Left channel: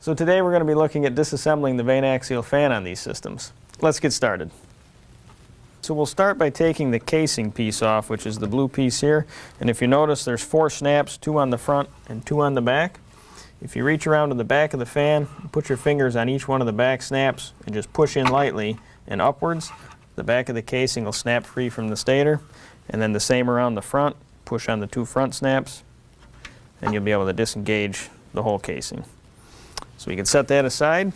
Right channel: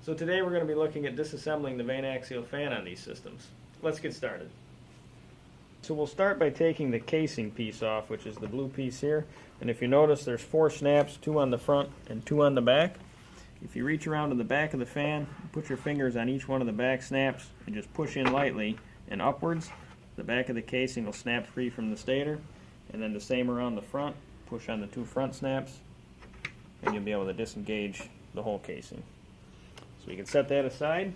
So today we're going to be looking at disassembling the vane axial fan on these systems. Let's get started. So we'll start by taking the casing piece off, which is the blue piece here. And if you notice, there's 4 snaps, 2 on the front and 2 on the back. If you reach around to the back of the fan, put your fingers on each one of the back snaps and just push in lightly and upwards, the back of the casing will snap free from the stator. And then the same around the front, push on the 2 front snaps, and you'll be able to disengage the whole casing. So we can set that aside.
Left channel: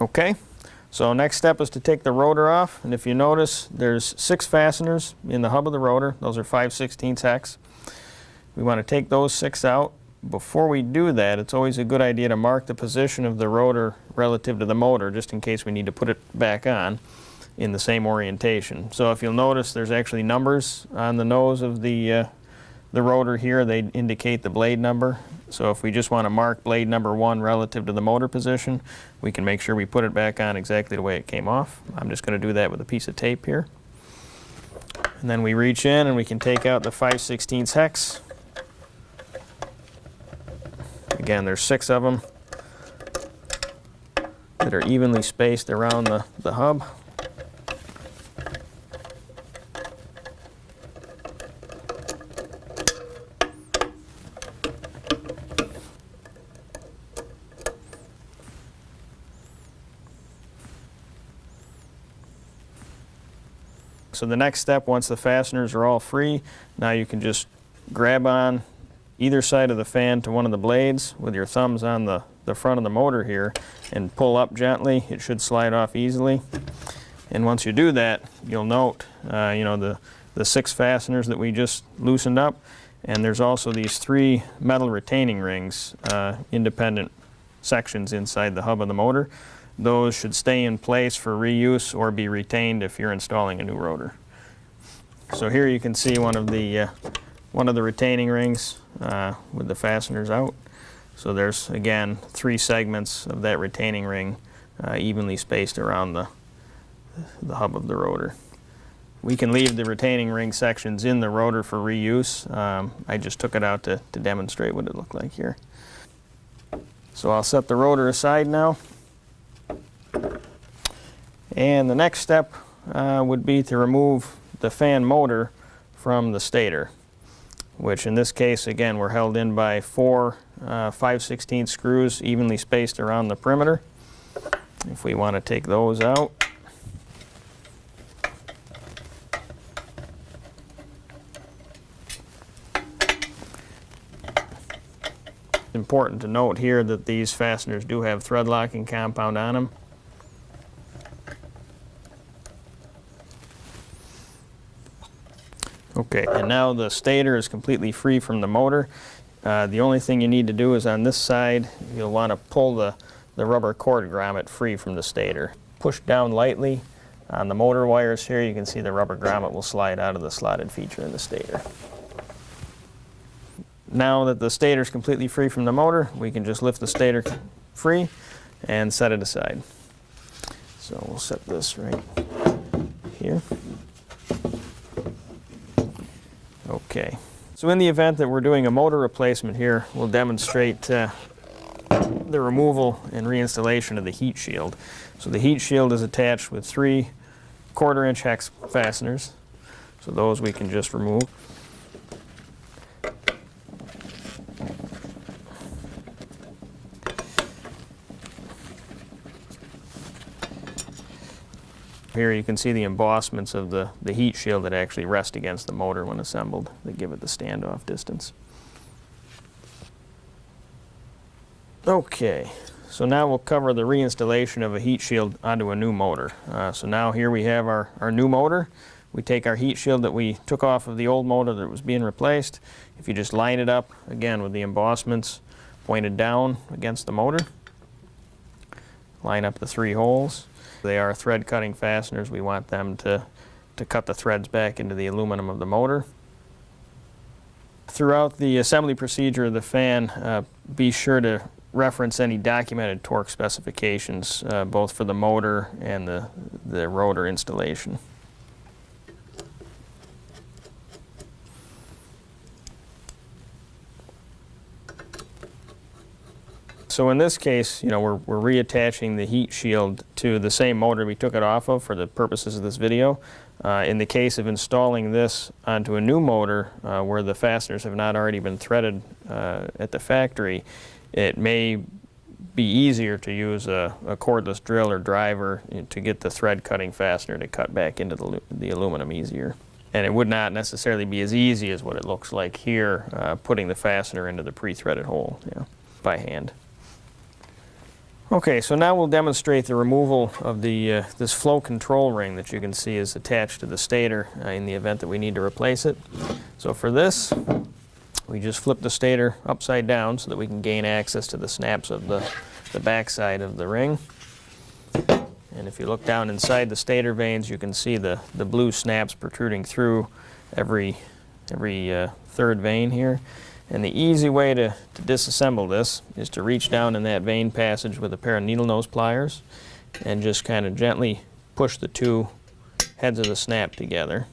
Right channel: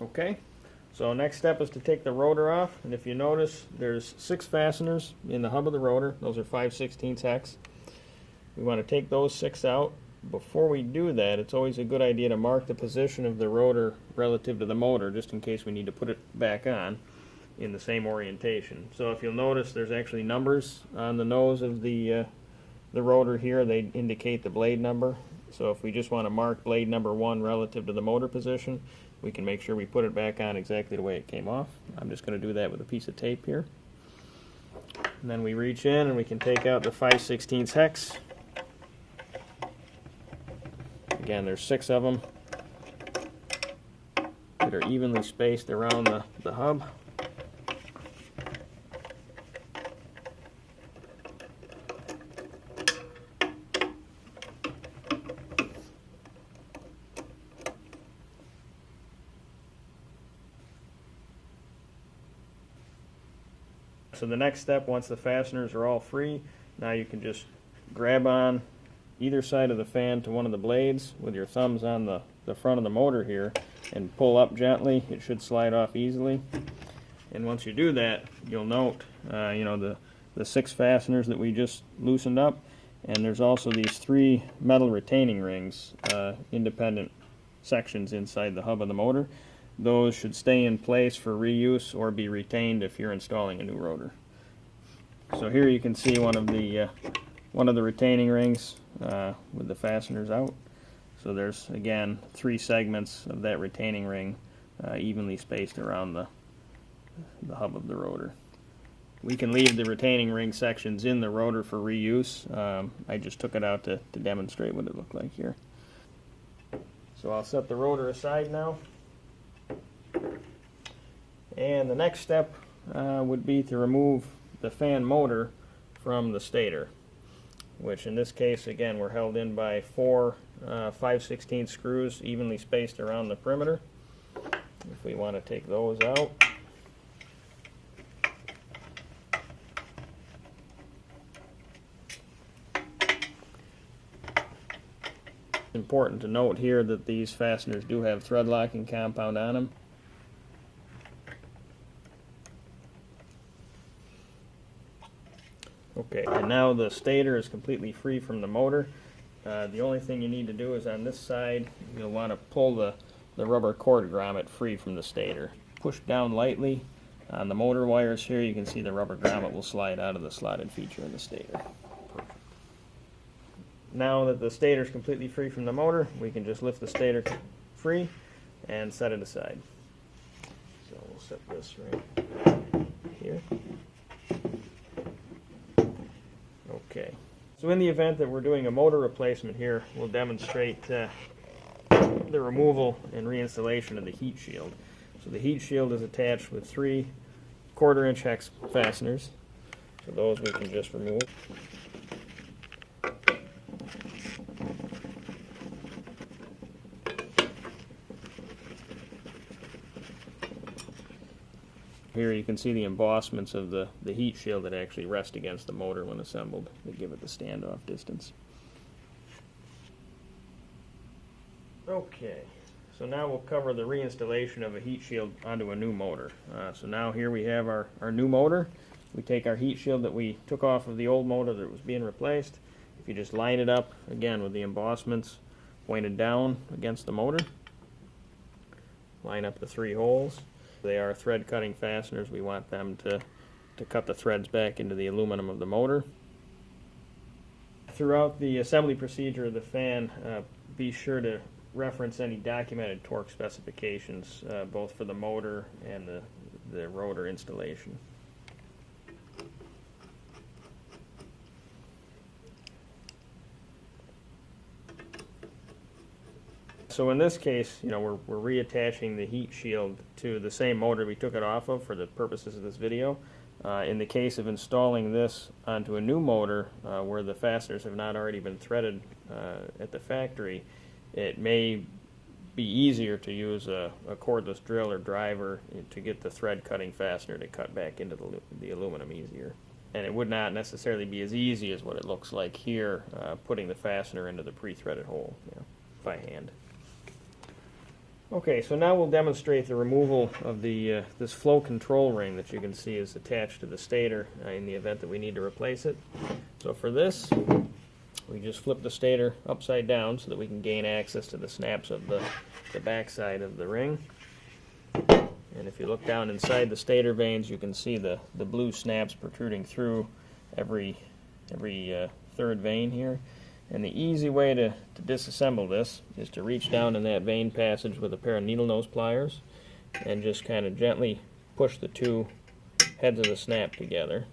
Okay, so next step is to take the rotor off, and if you notice, there's 6 fasteners in the hub of the rotor. Those are 5/16 hex. We want to take those 6 out. Before we do that, it's always a good idea to mark the position of the rotor relative to the motor, just in case we need to put it back on in the same orientation. So if you'll notice, there's actually numbers on the nose of the rotor here. They indicate the blade number. So if we just want to mark blade number 1 relative to the motor position, we can make sure we put it back on exactly the way it came off. I'm just going to do that with a piece of tape here. And then we reach in and we can take out the 5/16 hex. Again, there's 6 of them that are evenly spaced around the hub. So the next step, once the fasteners are all free, now you can just grab on either side of the fan to one of the blades with your thumbs on the front of the motor here and pull up gently. It should slide off easily. And once you do that, you'll note the 6 fasteners that we just loosened up, and there's also these 3 metal retaining rings, independent sections inside the hub of the motor. Those should stay in place for reuse or be retained if you're installing a new rotor. So here you can see one of the retaining rings with the fasteners out. So there's, again, 3 segments of that retaining ring evenly spaced around the hub of the rotor. We can leave the retaining ring sections in the rotor for reuse. I just took it out to demonstrate what it looked like here. So I'll set the rotor aside now. And the next step would be to remove the fan motor from the stator, which in this case, again, we're held in by 4 5/16 screws evenly spaced around the perimeter. If we want to take those out, it's important to note here that these fasteners do have thread locking compound on them. Okay, and now the stator is completely free from the motor. The only thing you need to do is on this side, you'll want to pull the rubber cord grommet free from the stator. Push down lightly on the motor wires here. You can see the rubber grommet will slide out of the slotted feature in the stator. Now that the stator is completely free from the motor, we can just lift the stator free and set it aside. So we'll set this right here. Okay, so in the event that we're doing a motor replacement here, we'll demonstrate the removal and reinstallation of the heat shield. So the heat shield is attached with 3 1/4" hex fasteners. So those we can just remove. Here you can see the embossments of the heat shield that actually rest against the motor when assembled. They give it the standoff distance. Okay, so now we'll cover the reinstallation of a heat shield onto a new motor. So now here we have our new motor. We take our heat shield that we took off of the old motor that was being replaced. If you just line it up, again, with the embossments pointed down against the motor, line up the 3 holes. They are thread cutting fasteners. We want them to cut the threads back into the aluminum of the motor. Throughout the assembly procedure of the fan, be sure to reference any documented torque specifications, both for the motor and the rotor installation. So in this case, we're reattaching the heat shield to the same motor we took it off of for the purposes of this video. In the case of installing this onto a new motor where the fasteners have not already been threaded at the factory, it may be easier to use a cordless drill or driver to get the thread cutting fastener to cut back into the aluminum easier. And it would not necessarily be as easy as what it looks like here, putting the fastener into the pre-threaded hole by hand. Okay, so now we'll demonstrate the removal of this flow control ring that you can see is attached to the stator in the event that we need to replace it. So for this, we just flip the stator upside down so that we can gain access to the snaps of the backside of the ring. And if you look down inside the stator vanes, you can see the blue snaps protruding through every third vane here. And the easy way to disassemble this is to reach down in that vane passage with a pair of needle nose pliers and just kind of gently push the two heads of the snap together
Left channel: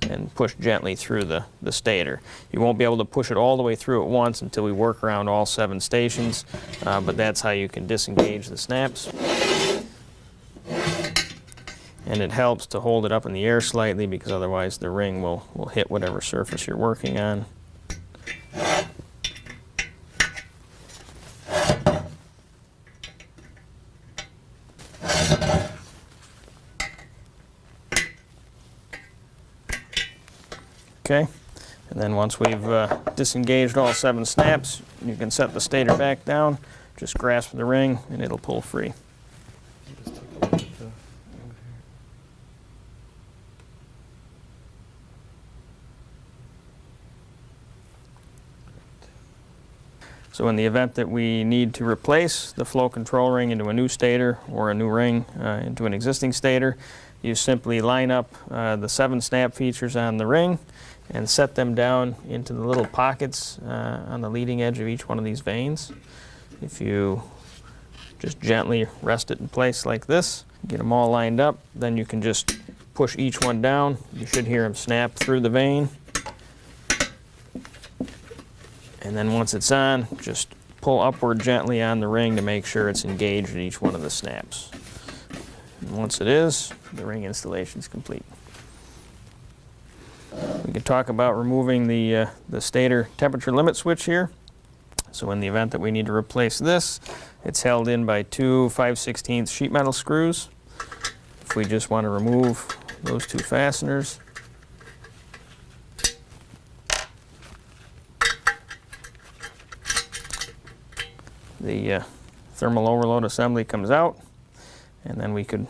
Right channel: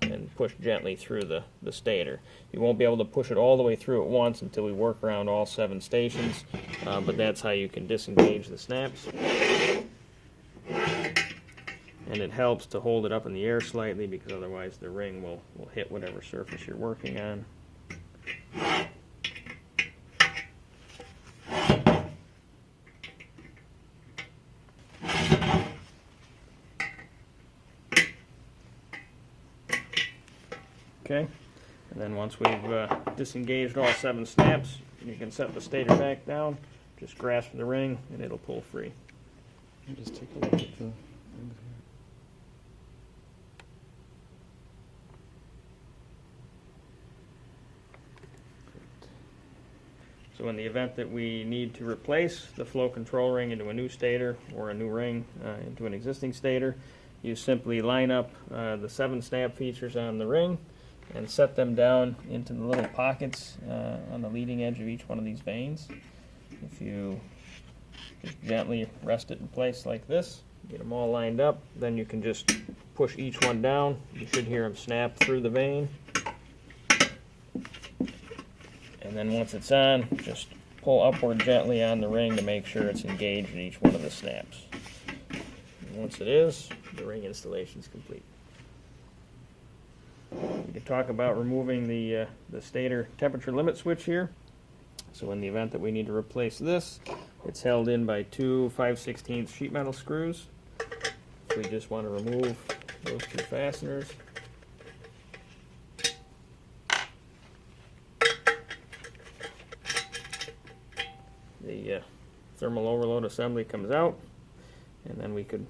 and push gently through the stator. You won't be able to push it all the way through at once until we work around all 7 stations, but that's how you can disengage the snaps. And it helps to hold it up in the air slightly because otherwise the ring will hit whatever surface you're working on. Okay, and then once we've disengaged all 7 snaps, you can set the stator back down, just grasp the ring, and it'll pull free. Just take a look at the over here. So in the event that we need to replace the flow control ring into a new stator or a new ring into an existing stator, you simply line up the 7 snap features on the ring and set them down into the little pockets on the leading edge of each one of these vanes. If you just gently rest it in place like this, get them all lined up, then you can just push each one down. You should hear them snap through the vane. And then once it's on, just pull upward gently on the ring to make sure it's engaged in each one of the snaps. And once it is, the ring installation is complete. We can talk about removing the stator temperature limit switch here. So in the event that we need to replace this, it's held in by 2 5/16 sheet metal screws. If we just want to remove those 2 fasteners, the thermal overload assembly comes out, and then we could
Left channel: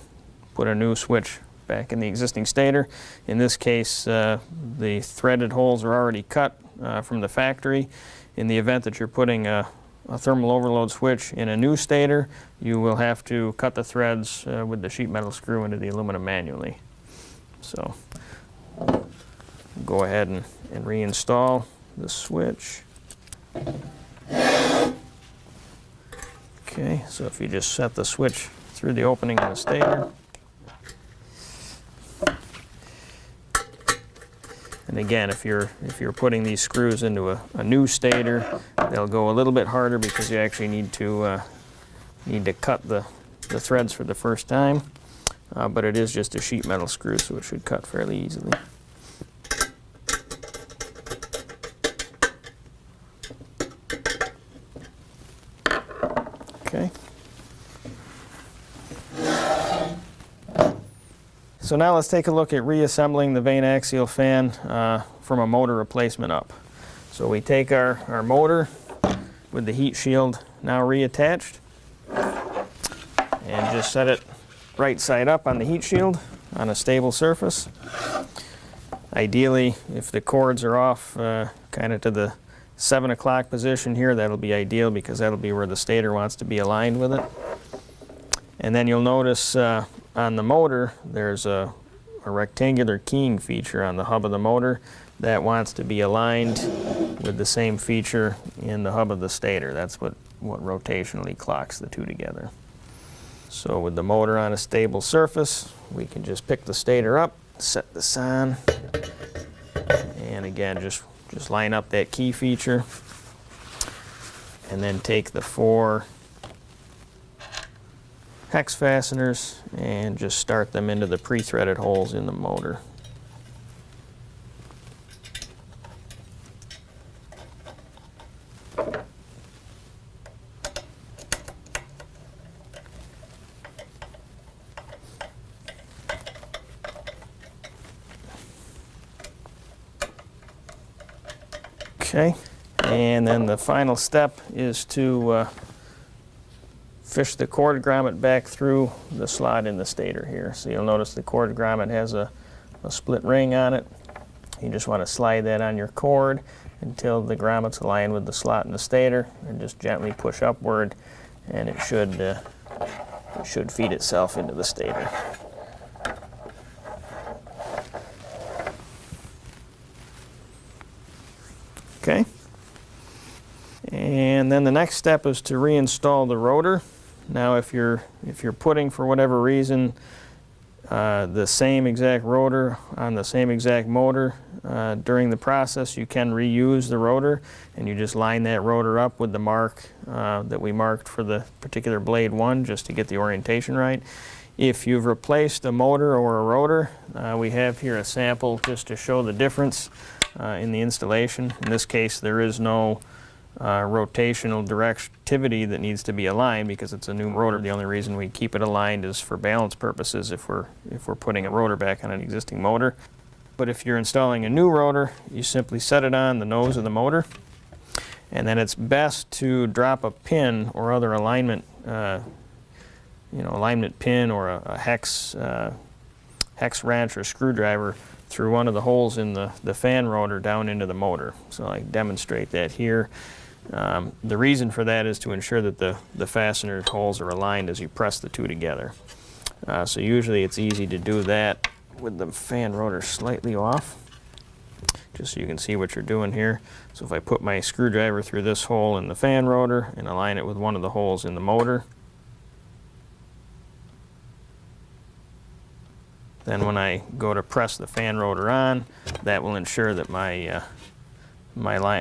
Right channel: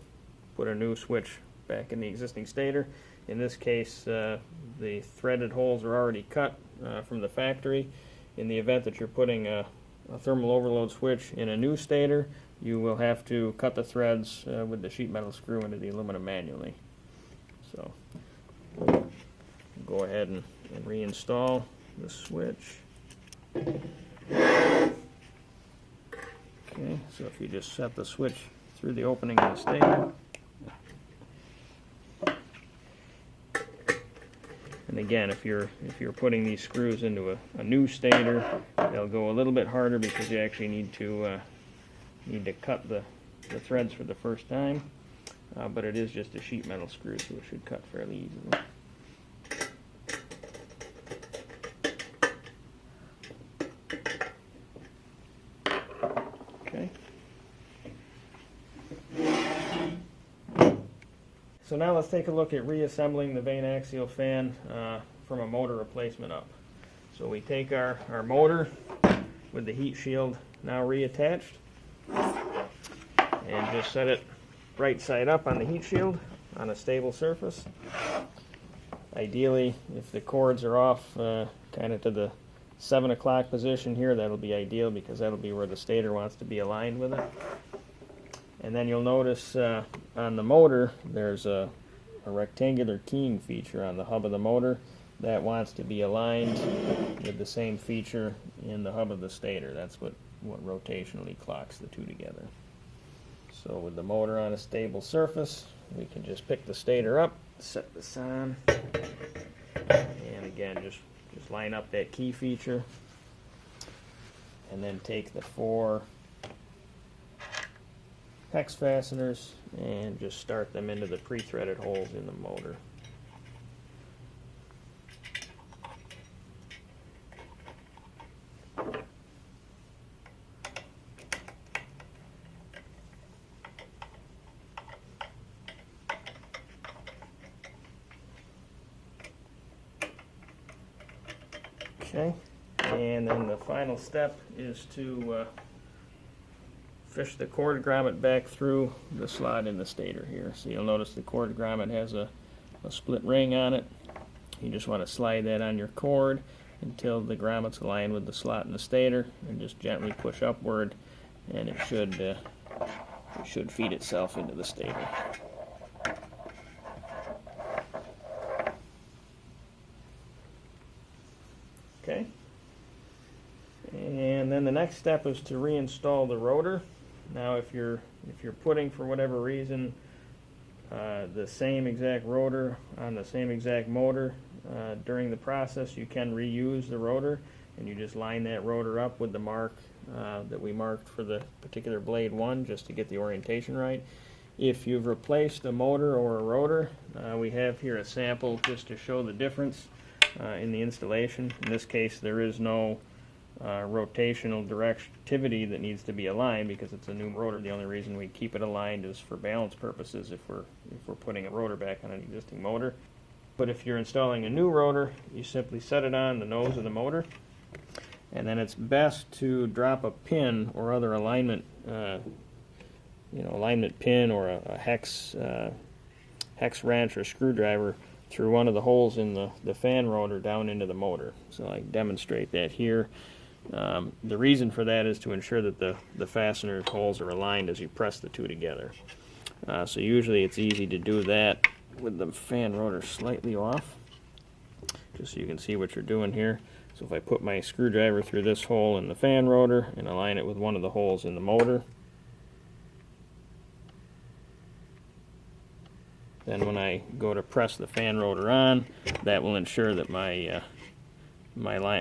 put a new switch back in the existing stator. In this case, the threaded holes are already cut from the factory. In the event that you're putting a thermal overload switch in a new stator, you will have to cut the threads with the sheet metal screw into the aluminum manually. So go ahead and reinstall the switch. Okay, so if you just set the switch through the opening of the stator, and again, if you're putting these screws into a new stator, they'll go a little bit harder because you actually need to cut the threads for the first time. But it is just a sheet metal screw, so it should cut fairly easily. Okay. So now let's take a look at reassembling the vane axial fan from a motor replacement up. So we take our motor with the heat shield now reattached and just set it right side up on the heat shield on a stable surface. Ideally, if the cords are off kind of to the 7 o'clock position here, that'll be ideal because that'll be where the stator wants to be aligned with it. And then you'll notice on the motor there's a rectangular keying feature on the hub of the motor that wants to be aligned with the same feature in the hub of the stator. That's what rotationally clocks the two together. So with the motor on a stable surface, we can just pick the stator up, set this on, and again just line up that key feature and then take the 4 hex fasteners and just start them into the pre-threaded holes in the motor. Okay, and then the final step is to fish the cord grommet back through the slot in the stator here. So you'll notice the cord grommet has a split ring on it. You just want to slide that on your cord until the grommet's aligned with the slot in the stator, and just gently push upward, and it should feed itself into the stator. Okay. And then the next step is to reinstall the rotor. Now if you're putting, for whatever reason, the same exact rotor on the same exact motor, during the process you can reuse the rotor, and you just line that rotor up with the mark that we marked for the particular blade 1, just to get the orientation right. If you've replaced a motor or a rotor, we have here a sample just to show the difference in the installation. In this case, there is no rotational directivity that needs to be aligned because it's a new rotor. The only reason we keep it aligned is for balance purposes if we're putting a rotor back on an existing motor. But if you're installing a new rotor, you simply set it on the nose of the motor, and then it's best to drop a pin or other alignment, alignment pin or a hex wrench or screwdriver through one of the holes in the fan rotor down into the motor. So I demonstrate that here. The reason for that is to ensure that the fastener holes are aligned as you press the two together. So usually it's easy to do that with the fan rotor slightly off, just so you can see what you're doing here. So if I put my screwdriver through this hole in the fan rotor and align it with one of the holes in the motor, then when I go to press the fan rotor on, that will ensure that my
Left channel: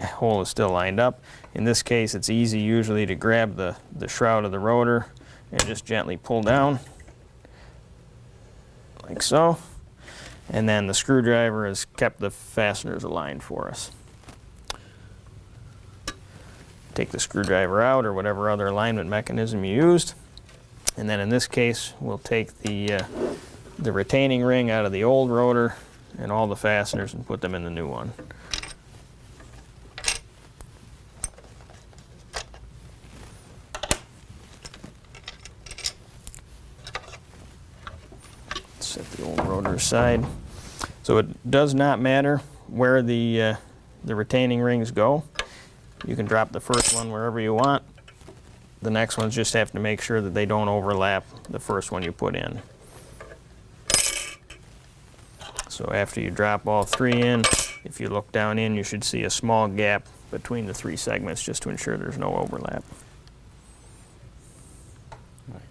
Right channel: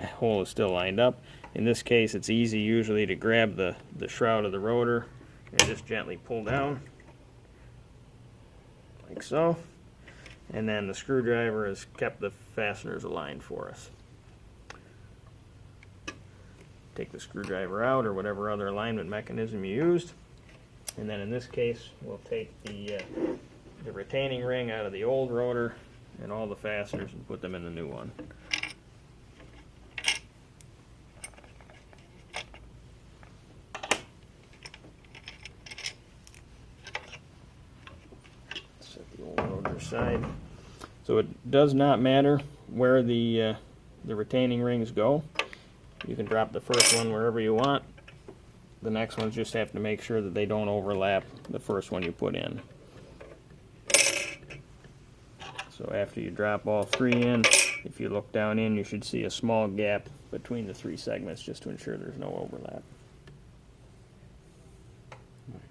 hole is still lined up. In this case, it's easy usually to grab the shroud of the rotor and just gently pull down, like so. And then the screwdriver has kept the fasteners aligned for us. Take the screwdriver out, or whatever other alignment mechanism you used. And then in this case, we'll take the retaining ring out of the old rotor and all the fasteners and put them in the new one. Set the old rotor aside. So it does not matter where the retaining rings go. You can drop the first one wherever you want. The next ones just have to make sure that they don't overlap the first one you put in. So after you drop all 3 in, if you look down in, you should see a small gap between the 3 segments just to ensure there's no overlap. Nice.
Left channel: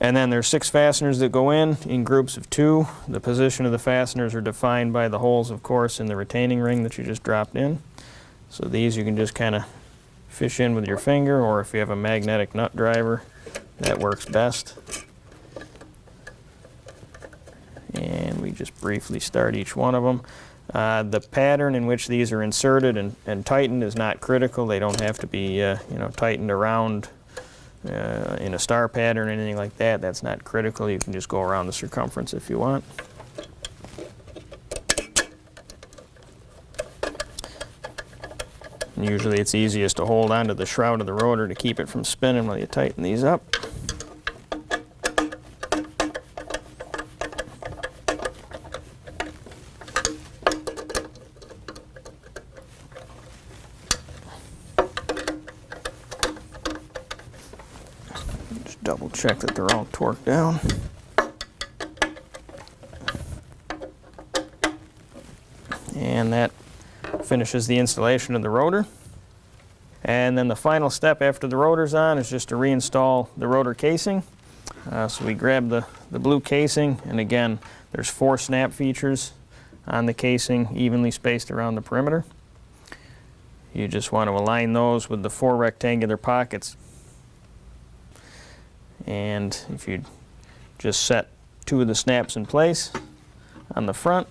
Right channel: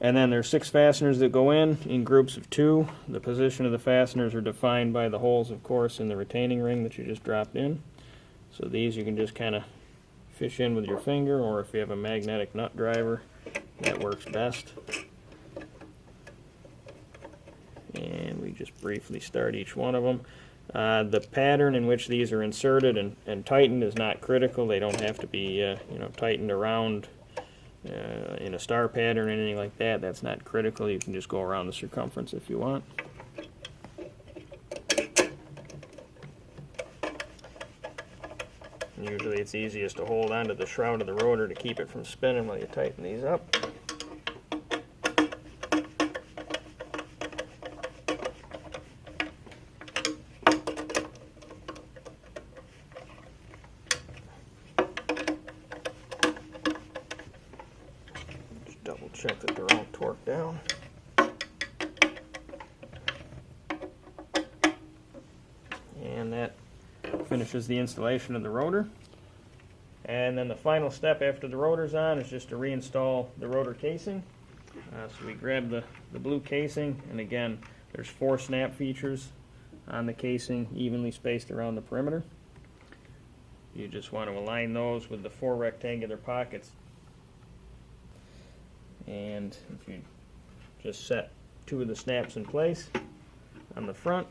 And then there's 6 fasteners that go in groups of 2. The position of the fasteners are defined by the holes, of course, in the retaining ring that you just dropped in. So these you can just kind of fish in with your finger, or if you have a magnetic nut driver, that works best. And we just briefly start each one of them. The pattern in which these are inserted and tightened is not critical. They don't have to be tightened around in a star pattern or anything like that. That's not critical. You can just go around the circumference if you want. And usually it's easiest to hold onto the shroud of the rotor to keep it from spinning while you tighten these up. Double check that they're all torqued down. And that finishes the installation of the rotor. And then the final step after the rotor's on is just to reinstall the rotor casing. So we grab the blue casing, and again, there's 4 snap features on the casing, evenly spaced around the perimeter. You just want to align those with the 4 rectangular pockets. And if you just set 2 of the snaps in place on the front,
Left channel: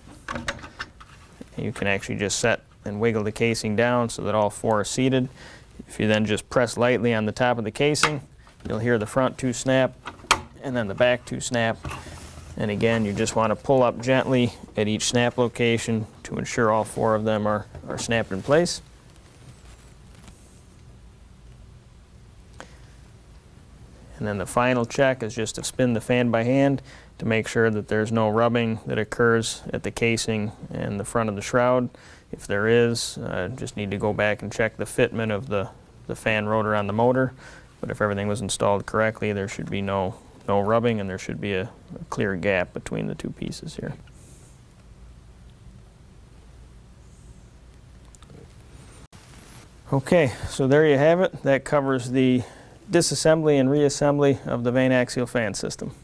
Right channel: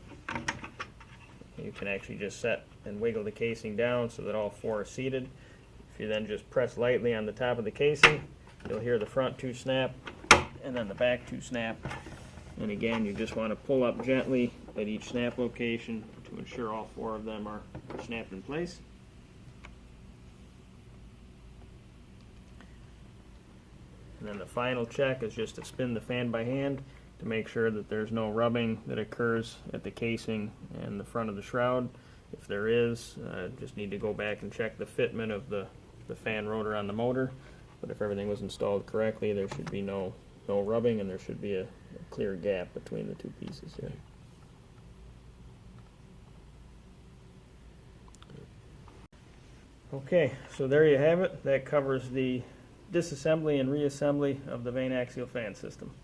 you can actually just set and wiggle the casing down so that all 4 are seated. If you then just press lightly on the top of the casing, you'll hear the front 2 snap and then the back 2 snap. And again, you just want to pull up gently at each snap location to ensure all 4 of them are snapped in place. And then the final check is just to spin the fan by hand to make sure that there's no rubbing that occurs at the casing and the front of the shroud. If there is, just need to go back and check the fitment of the fan rotor on the motor. But if everything was installed correctly, there should be no rubbing, and there should be a clear gap between the 2 pieces here. Okay, so there you have it. That covers the disassembly and reassembly of the vane axial fan system.